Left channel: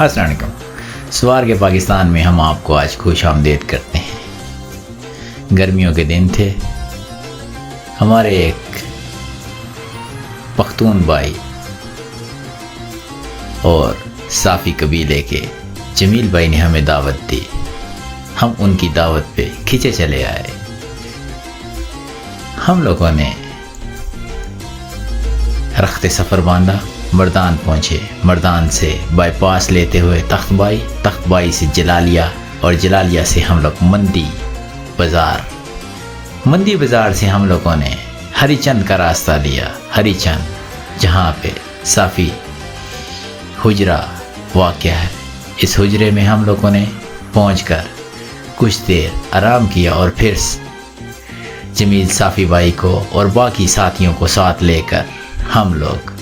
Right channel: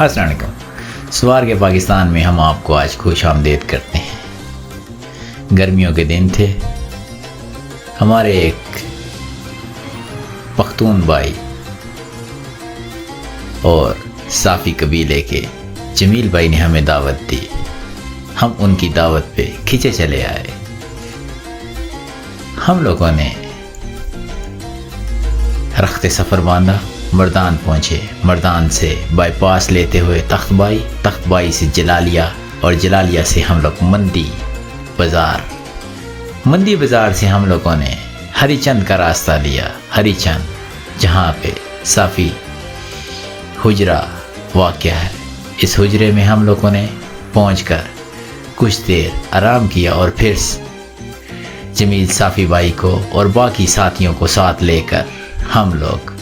अस्सलाम वालेकुम। सवार के पाकिस्तान में हम आपको आज खुश आमदेद करते हैं। गर्मियों के दिन थे। हमारे एक पख्तून भाई और साफ़ी कबीले के जमील भाई ने हमें दावत दी। हम उनकी दावत पे खींचे चले आए। हम लोगों ने रखते सफ़र बांधा, मर्दान पहुँचे। मर्दान से बाईपास लेते हुए तख्तबाई से जलालिया और जलालिया से हम लोग मंदी बाज़ार से हम लोगों ने हरीचंद का रास्ता लिया। हरीचंद जहाँ पे साफ़ी हुजरा वाक़या है। इस हुजरे में हम लोगों ने पहुँचकर कुछ देर आराम किया और फिर जमील साफ़ी भाई को और बाकी साथियों को साथ लेकर हम लोग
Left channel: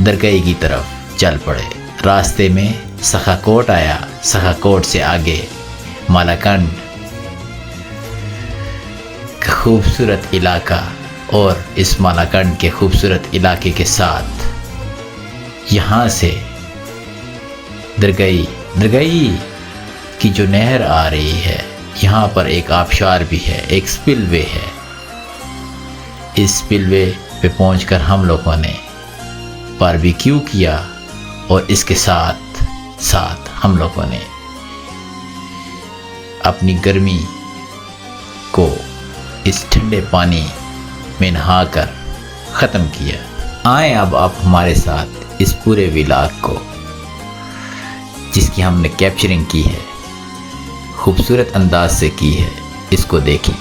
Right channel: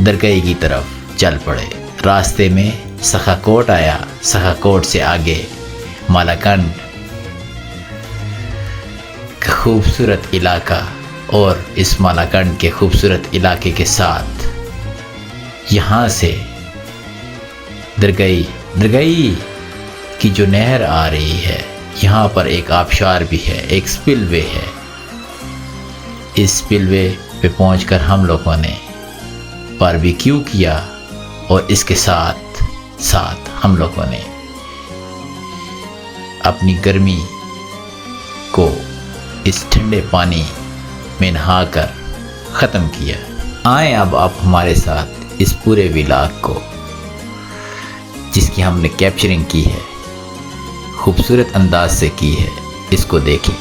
दरगाई की तरफ चल पड़े। रास्ते में सखा कोट आया। सखा कोट से आगे मालाकंड का खूबसूरत इलाका और इस मालाकंड के खूबसूरत इलाके के साथ यहाँ से दरगाई की जो नहर आ रही है, यहाँ पर एक आबशार भी है, एक स्पिलवे है। इस स्पिलवे पे पहुंचकर हम लोगों ने बारबेक्यू किया और इसके साथ हम लोगों ने अपनी गर्मी को इस ठंडे पानी में नहाकर ख़त्म किया। आए अब आप हमारे साथ इस पूरे व्लॉग को, जिसकी हमने कैप्चरिंग की है, खूबसूरत अंदाज से की है, इसको देखें।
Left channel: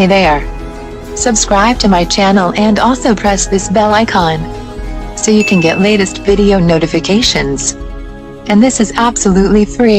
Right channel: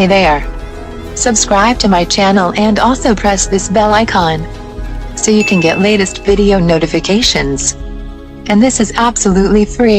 Hey there! Subscribe to my channel and also press this bell icon so you can get latest video notifications. And this is absolutely free.